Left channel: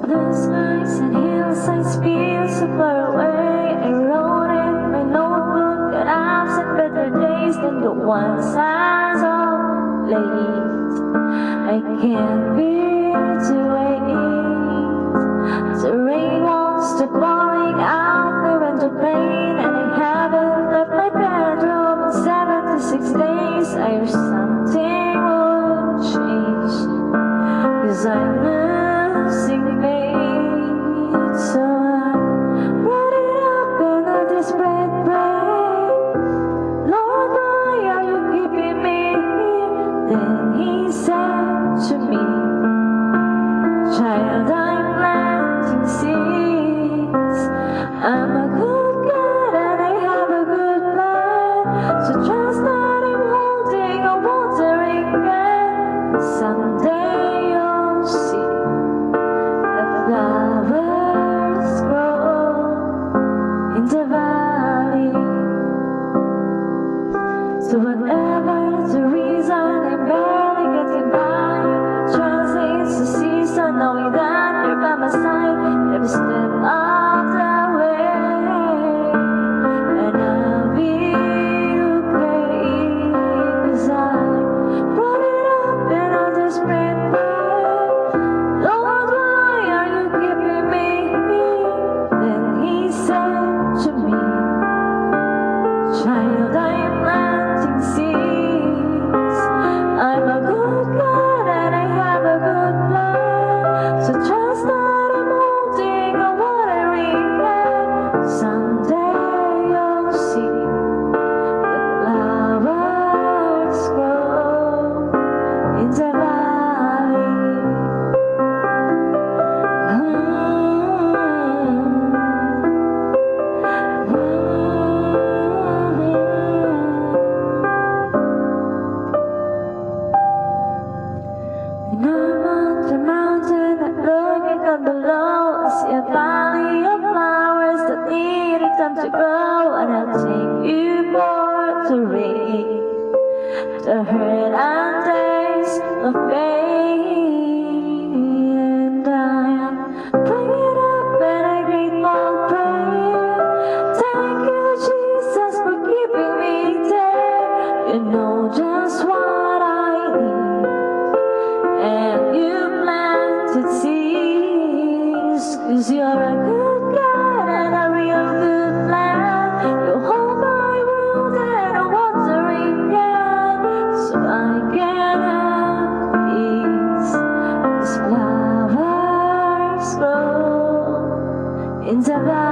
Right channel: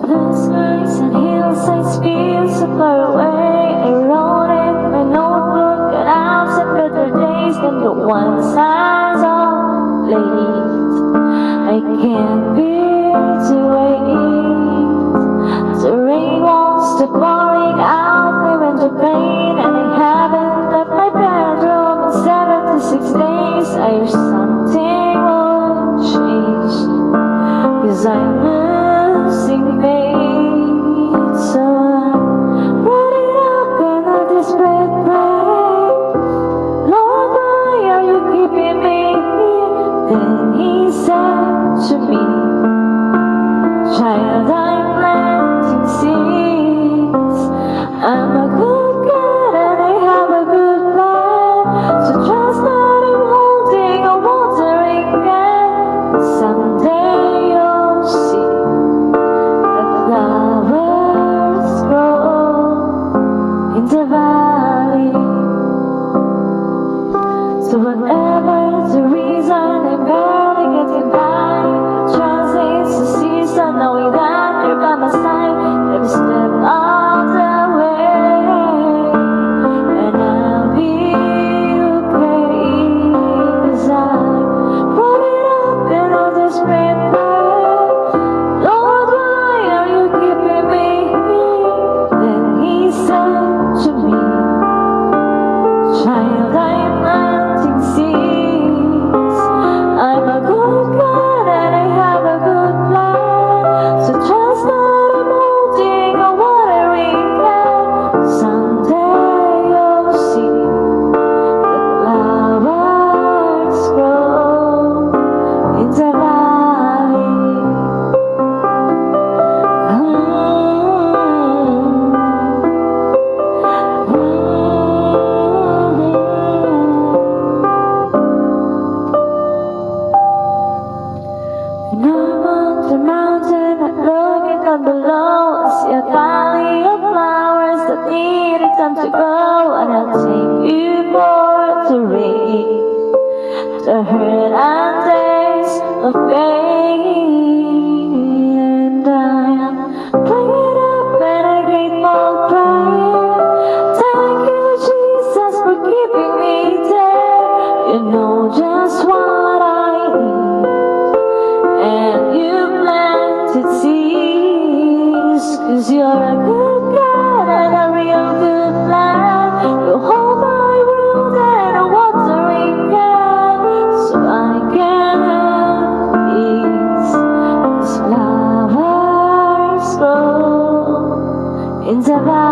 Blue skies and hillsides feel so far away. I wrote in my notebook that I've some better days than the ones I saw late. I can't bear to wait. The rain wants to pouring out. I went to pain and I haven't left my bedroom in 76 days. I wish something would change, 'cause I'm losing faith. So I brought it up in a desperate prayer. Lord, why are you keeping me? Then he said to me, child, I'm planting seeds. I'm a good God and I have a good plan. So trust that I'm holding a watering can. Someday you'll see that the flowers grow in the valley. So whatever the reason, I'm barely getting by. Trust it's the season, knowing that you're by my side every step of the way. And I'll be okay, 'cause I brought it up in a desperate prayer. Lord, why are you keeping me? Then he said to me, child, I'm planting seeds. I'm a good God and I have a good plan. So trust that I'm holding a watering can. Someday you'll see the flowers grow in the valley. When I'm on the mountain, I'm looking down below. I see a valley of flowers that need time to grow. And I'll take you for the rain, the hurt and days of pain. And I'm playing up and a grateful prayer. Thank you, Jesus, for keeping me there. You know just what I need, and you planted seeds, 'cause you're a good God and a real good man. You hold my world and a watering can, so I can have peace. 'Cause flowers grow in the valley.